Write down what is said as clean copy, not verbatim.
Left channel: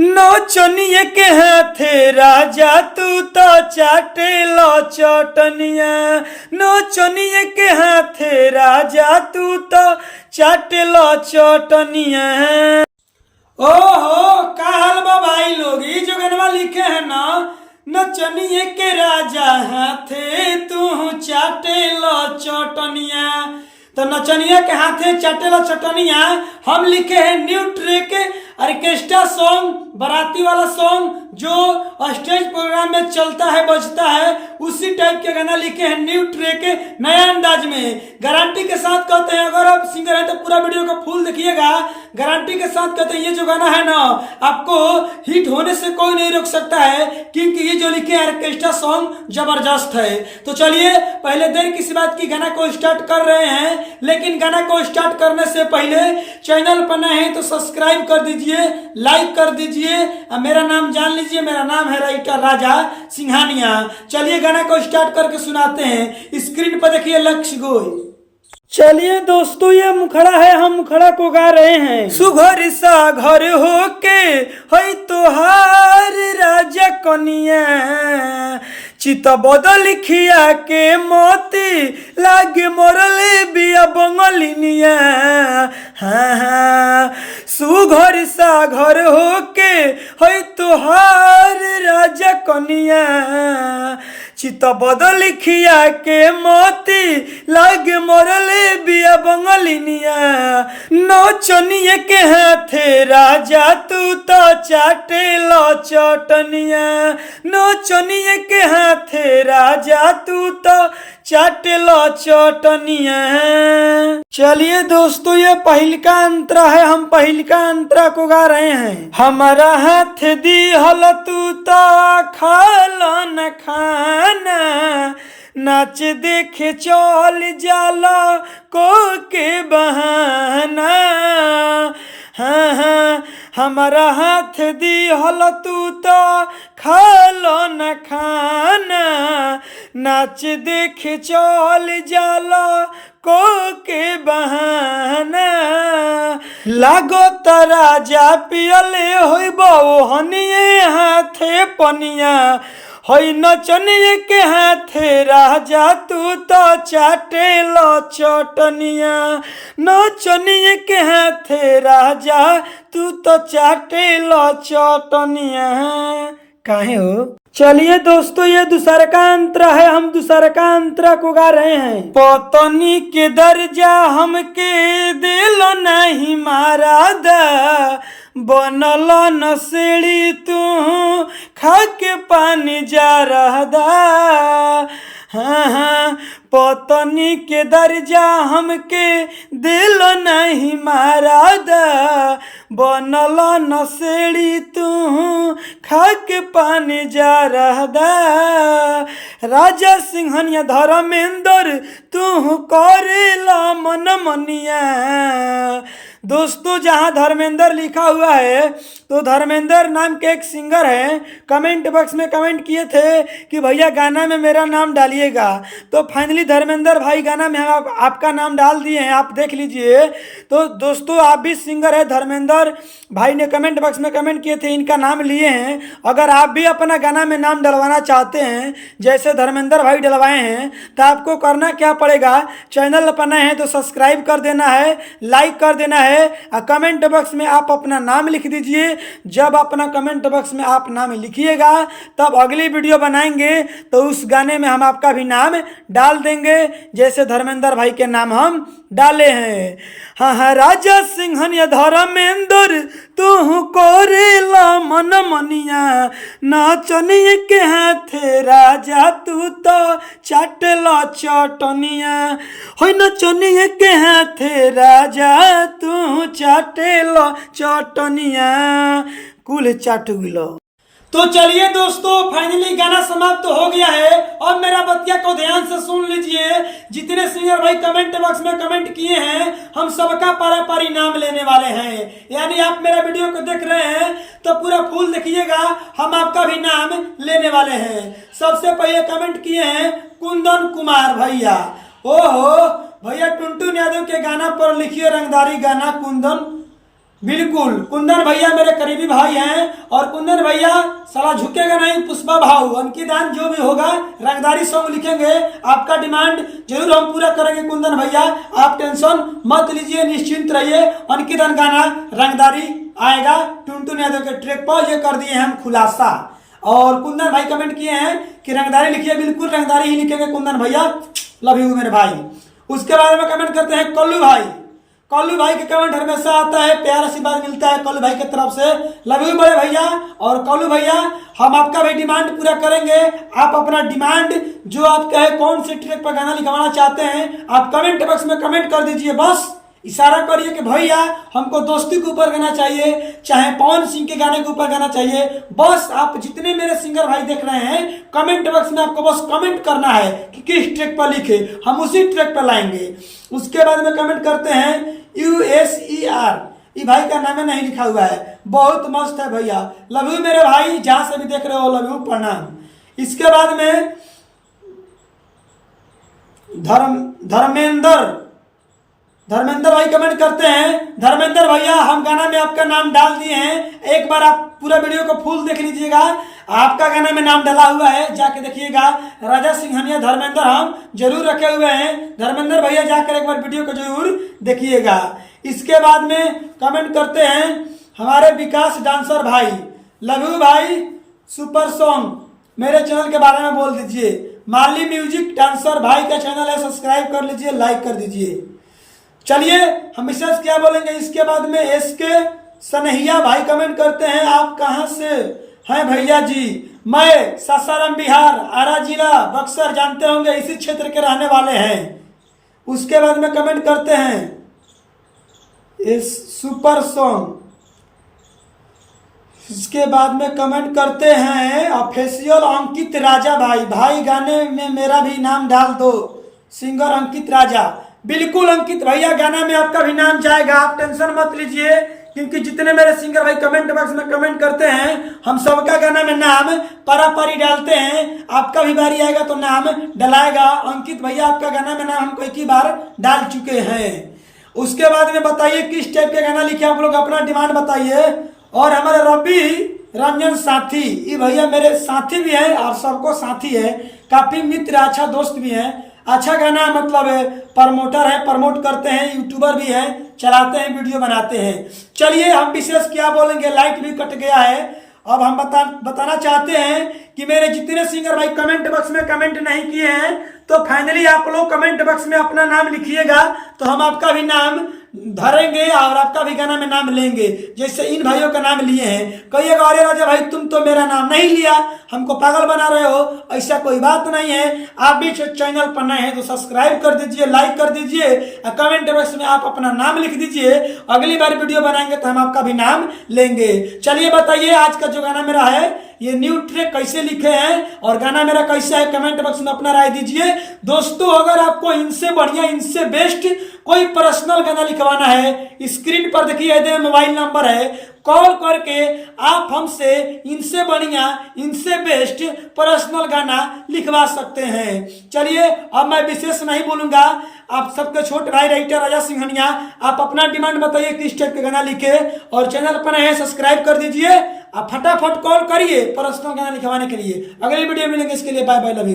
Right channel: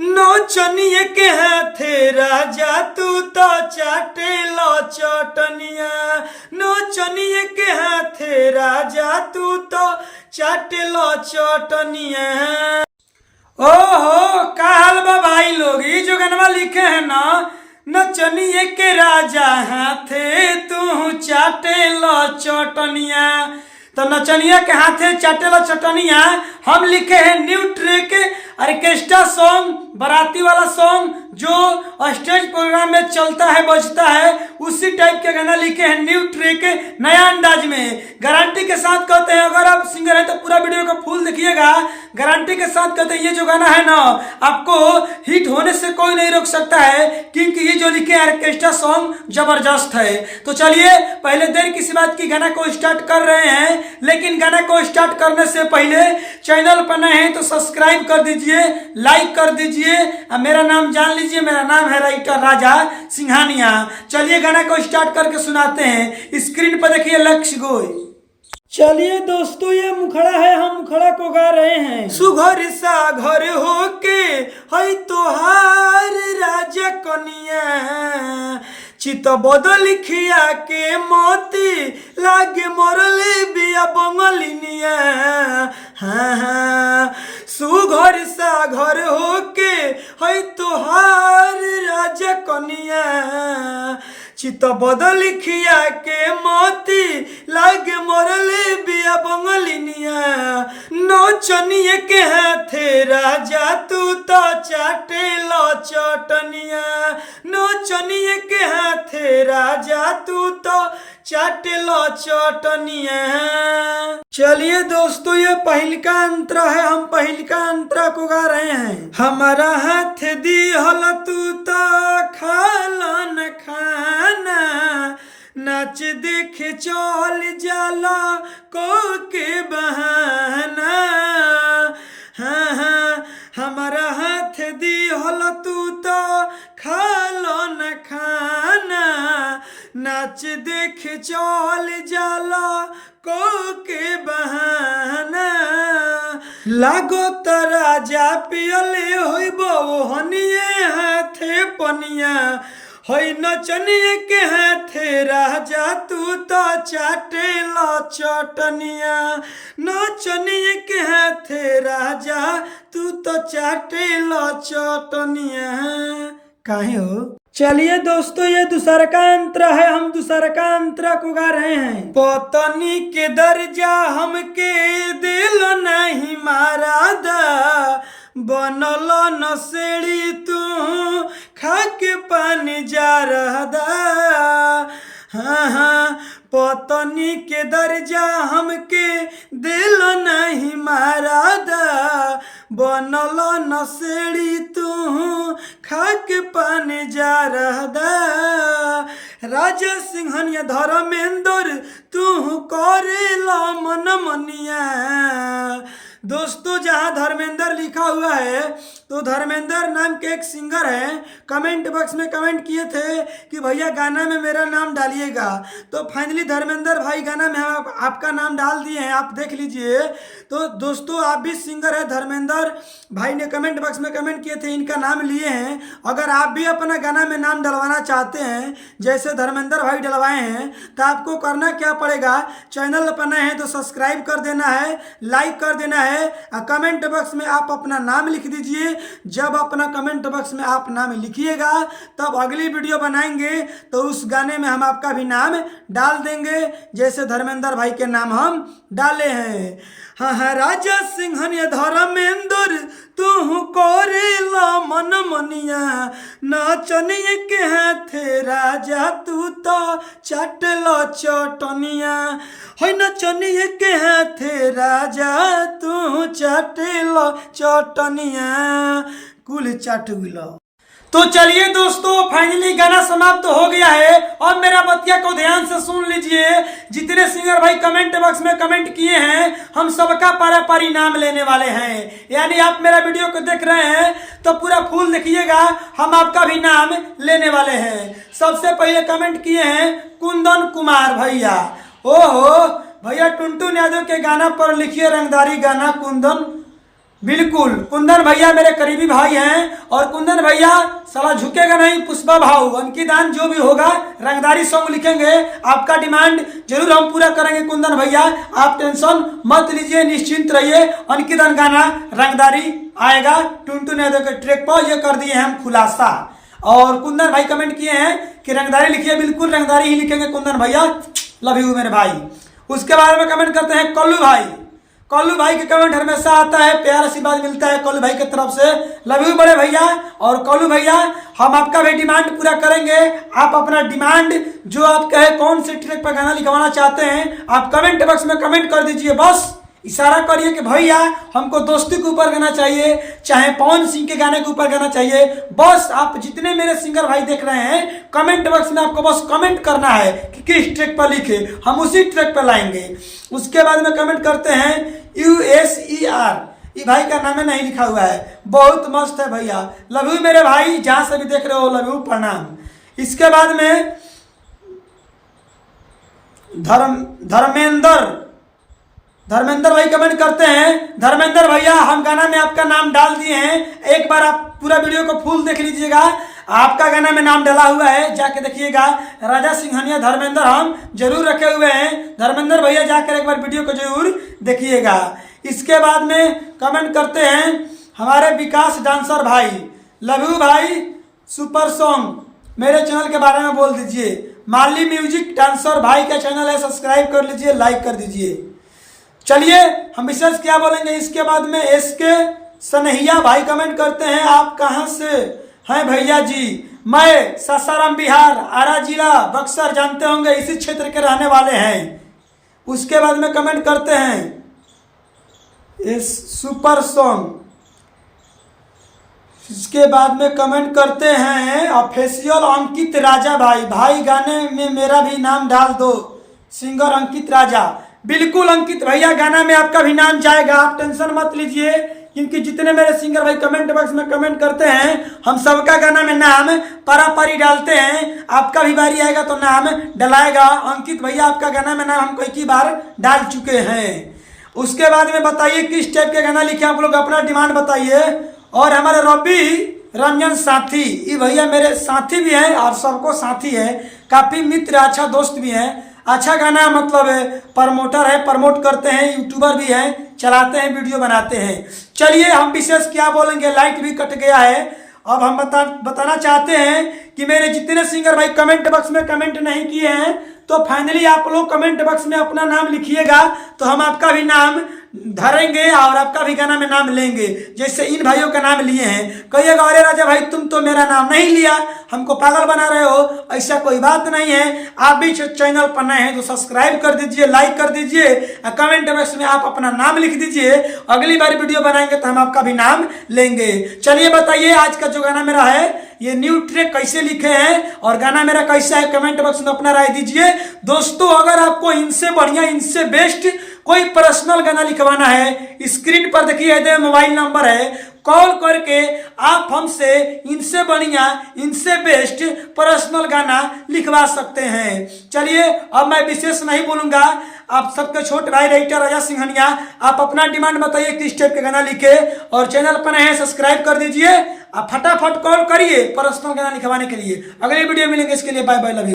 नौचनिया के हाथे राजा तू तो चाटे लो चटनिया, नौचनिया के हाथे राजा तू तो चाटे लो चटनिया। ओहो का हाल बा भाई लोग, ये जो गनवा लिखे हैं ना, नचनिए के राजा हाथे तू चाटे लो चटनिया, तो नचनिया के हाथे चाटे लो चटनिया हम लिखे हैं न्यू ट्रैक ऑर्केस्ट्रा सॉन्ग, बाराती वाला सॉन्ग जो स्टेज प्रोग्राम में चलता है बजता है, उसी टाइप के गाना लिखे हैं न्यू ट्रैक नया अंदाज में। गारंटी के साथ कहते हैं, अगर आप सिंगर हैं तो पूरा वीडियो को फुल देखिएगा। गारंटी के साथ कहते हैं ये जो गाना है ना, आपको हिट होने से कोई नहीं रोक सकता है, क्योंकि ये जो लिखे ऑर्केस्ट्रा सॉन्ग जबरदस्त है। तो चलिए पहले देर किसी बात की गाना को स्टार्ट कर रहे हैं, लेकिन गाना को स्टार्ट करने से पहले चैनल पर नए हैं तो सब्सक्राइब कर दीजिए, लाइक कर दीजिए। मेरा नाम जान लीजिए, मेरा नाम है राइटर राजा सिंघानिया। चलिए गाना को स्टार्ट करके सुनाते हैं। स्क्रीन पर देखिए लक्ष्य गोई। चलिए दोस्तों ये मुखड़ा है, हम मुखड़ा को गा रहे हैं। सुघर सा घर होके है तोहार राजा कनिया, चित बदल खिया के मोती लागे मोरले बिया बंगलिनिया। हाँ हाँ सुघर सा घर होके है तोहार राजा कनिया, चित बदल खिया के मोती लागे मोरले बिया बंगलिनिया। नौचनिया के हाथे राजा तू तो चाटे लो चटनिया, नौचनिया के हाथे राजा तू तो चाटे लो चटनिया। चलिए दोस्तों ये पहिलका अंतरा है, हम पहिलका अंतरा को गा रहे हैं। हमारा हाथ दी हल तू तो खाला न खाना, नाच देखे चल जाला को के बहाना। हाँ हाँ हमारा हाथ दी हल तू तो खालो न खाना, नाच देखे चल जाला को के बहाना। लागो त राजा पियले होइबो हनिए हाथे पनिया, होई नचनिया के हाथे राजा तू तो चाटे लो चटनिया, नचनिया के हाथे राजा तू तो चाटे लो चटनिया। काहे हो? चलिए दोस्तों ये दूसरा का अंतरा है, हम दूसरा का अंतरा को गा रहे हैं। पतनी के दर्जा हमके दिल नहीं मारा दा, बनल नसेड़ी तू खा के पानी जा रहा दा। हाँ हाँ पतनी के दर्जा हमके दिल नहीं मारा दा, बनल नसेड़ी तू खा के पानी जा रहा दा। राजा सिंघनिया धर्मेंद्र तू करेला मन मनिया। दोस्तों जहाँ धर्मेंद्र लिखा हुआ है तो धर्मेंद्र नाम के एक सिंगर हैं, कमेंट बॉक्स में कमेंट किए थे कि भैया गाना में मेरा नाम डालिएगा, तो फाइनली धर्मेंद्र भाई गाना में हम आपका नाम डाल दिए हैं, आप देख लीजिए। तो दोस्तों आप भी सिंगर है, धर्मेंद्र भाई ने कमेंट बॉक्स में कमेंट किए थे, इनका नाम लिए हैं। अगर आप भी अपना गाना में नाम डलवाना चाहते हैं जैसे धर्मेंद्र भाई डलवाए हैं, तो आपको करना क्या पड़ेगा, चैनल पर नए हैं तो सब्सक्राइब कर देना है, लाइक कर देना है, कमेंट बॉक्स में आप अपना नाम लिख दीजिए। जब अपना कमेंट बॉक्स में आप नाम लिखिएगा तब अगली वीडियो बनाएंगे तो उस गाने में हम आपका भी नाम डाल देंगे, जैसे धर्मेंद्र भाई के नाम हम डाले हैं। हाँ हाँ राजा सिंघनिया धर्मेंद्र तू कोरेला मन मनिया, नचनिया के हाथे राजा तू तो चाटेला चटनिया, हो नचनिया के हाथे राजा तू चाटेला चटनिया, कुल चाट गिलो। तो चलिए दोस्तों फाइनली गाना समाप्त हो गया है। और मेरा बतिया को ध्यान से सुन लीजिए, जितने सिंगर भाई कमेंट बॉक्स में कमेंट किए हैं हम सबका पारा पारी नाम लेने वाले हैं। यानी आप मेरा वीडियो को देख रहे हैं तो पूरा फुल देखिएगा, हम आपका भी नाम लेने वाले हैं। सबसे पहले कमेंट किए हैं कुंदन कुमार भैया। ओहो भैया टुनटुन यादव के गाना पर लिखिए रंगदारी गाना कुंदन बिल्कुल, कुंदन भैया मेरे करीबी भाई हैं और कुंदन भैया साला झुकेगा नहीं, पुष्पा भाव अंकितान जो भी होगा रंगदारी सॉन्ग लिखेंगे, आपका डिमांड जरूर हम पूरा करेंगे कुंदन भैया, आप टेंशन मत लीजिए, निश्चिंत रहिए। अंकितान गाना रंगदारी आएगा टुनटुन यादव के ट्रैक पर, ये कर दिए हैं हम खुलासा। और कुंदन भाई कमेंट किए हैं कि रंगदारी लिखिए, बिल्कुल रंगदारी ही लिखेंगे कुंदन भैया, लव यू मेरे भाई। उसके बारे में कमेंट करते हैं कल्लू भाई। कल्लू भाई के कमेंट हमेशा आता है, प्यार आशीर्वाद मिलता है कल्लू भाई की तरफ से, लव यू बड़े भैया। और कल्लू भैया हम आपका भी डिमांड पूरा करेंगे, आप अपना डिमांड जो आप कहे कौन से ट्रैक पर गाना लिखवाना चाहते हैं आप कमेंट बॉक्स में कमेंट कर दीजिए, बस इशारा करिए कि भैया हमको दोस्ती के ऊपर गाना चाहिए, चाहे पवन सिंह के गाने के ऊपर गाना चाहिए, बस आप जितने मेरे सिंगर भाई देख रहे हैं कमेंट बॉक्स में आपको बस कमेंट करना है कि किस ट्रैक पर लिखे, हम उसी ट्रैक पर लाएंगे। उसके बाद में कमेंट करते हैं USER, ये भाई का नाम नहीं लिखा हुआ है, बहुत मस्त है भैया, लव यू मेरे भाई, जहां से भी देख रहे हो लव यू, प्रणाम। इसके बाद में धर्मेंद्र भाई कमेंट करते हैं, धर्मेंद्र भैया हम गाना में आपका नाम डाल दिए हैं, एक बार आप पूरा वीडियो को फुल देख लीजिएगा, आपका गाना में नाम डाला हुआ है, जाके देखिएगा। राजा सिंघनिया धर्मेंद्र हम जरूर रखे हुए हैं, धर्मेंद्र भैया जाकर एक बार वीडियो को जरूर देखिएगा। इसके बाद में कमेंट करते हैं हमारे विकास डांसर भाई, लव यू भाई, सुपर सॉन्ग मेरे चैनल के बारे में बोल दीजिए, माली म्यूजिक डांसर भाई का चैनल है, सब्सक्राइब कर लीजिए, लाइक कर दीजिए। चलिए हम विशेष क्या बोलेंगे। इसके बाद में SK सनहिया भाई कमेंट करते हैं, आप कहां से हैं भैया जी, मैं सासाराम बिहार, आरा जिला बक्सर, जानते होंगे इसी क्षेत्र के रहने वाले हैं। उसके बाद में कमेंट करते हैं इस सुपर सॉन्ग, इसके बाद में कमेंट करते हैं ऑफिशियल अंकित राजा भाई, भाई गाने में मेरा भी नाम डाल दो, सिंगर अंकित राजा। बिल्कुल अंकित भैया गाना में आपका भी नाम जाएगा, आप टेंशन मत लीजिए, क्योंकि जितने मेरे सिंगर भाई कमेंट बॉक्स में कमेंट करते हैं हम सबका गाना में नाम पारी डालते हैं, आपका भी बारी आएगा तो नाम डलाएगा। अंकित भैया आपका गाना में नाम हम कई बार डाल चुके हैं। उसके बाद में बताइए किस टाइप के गाना लिखे, आप लोग अपना डिमांड बताइए। और हमारे रवि रंजन साथी, ये भैया मेरे साथी भी हैं और सबको साथी है, काफी मित्र अच्छा दोस्त भी हैं, अच्छा गाना मतलब प्रमोटर है, प्रमोट करते हैं, यूट्यूबर भी हैं, चलाते हैं, वीडियो बनाते हैं। चलिए हम विशेष क्या बोलेंगे, लाइट भी कट गया है, अब हम बताना चाहते हैं कि मेरे जितने सिंगर भाई कमेंट बॉक्स में कमेंट नहीं किए हैं तो फाइनली आप लोग कमेंट बॉक्स में अपना नाम लिखिएगा, तो हम आपका भी नाम धरेंगे और आपका भी गाना में नाम लेंगे, जैसे इन भाइयों का नाम लिए हैं। कहिएगा अरे राजा भाई तुम तो मेरा नाम नहीं लिया, हमको पागल बना रहे हो, ऐसा कोई बात नहीं है। आप भी चैनल पर नए हैं तो सब्सक्राइब कर दीजिए, लाइक कर दीजिए, कमेंट बॉक्स में आप अपना नाम लिख दीजिए, अगली बार वीडियो बनाएंगे तो हम आपका भी नाम लेंगे। चलिए बताइए आज का जो गाना मेरा है ये न्यू ट्रैक कैसे लिखे हैं और गाना मेरा कैसा है, कमेंट बॉक्स में अपना राय दीजिए। दोस्तों अगर आपको इनसे बढ़िया, इनसे बेस्ट कोई पर्सनल गाना लिखवाना है, स्क्रीन पर देखिए मोबाइल नंबर है, कॉल करके आप हमसे इनसे बढ़िया, इनसे बेस्ट पर्सनल गाना लिखवा सकते हैं। चलिए अब मैं विशेष नहीं बोलूंगा, आप सबके छोटे भाई राइटर राजा सिंघनिया, आप अपना डिमांड बताइए किस टाइप के गाना लिखे, और चैनल पर नए हैं सब्सक्राइब कर दीजिए, आप फटाफट कॉल करिए पर्सनल गाना लिखवाने के लिए। अगली वीडियो मिलेंगे, इसके लिए बाय बाय, लव यू।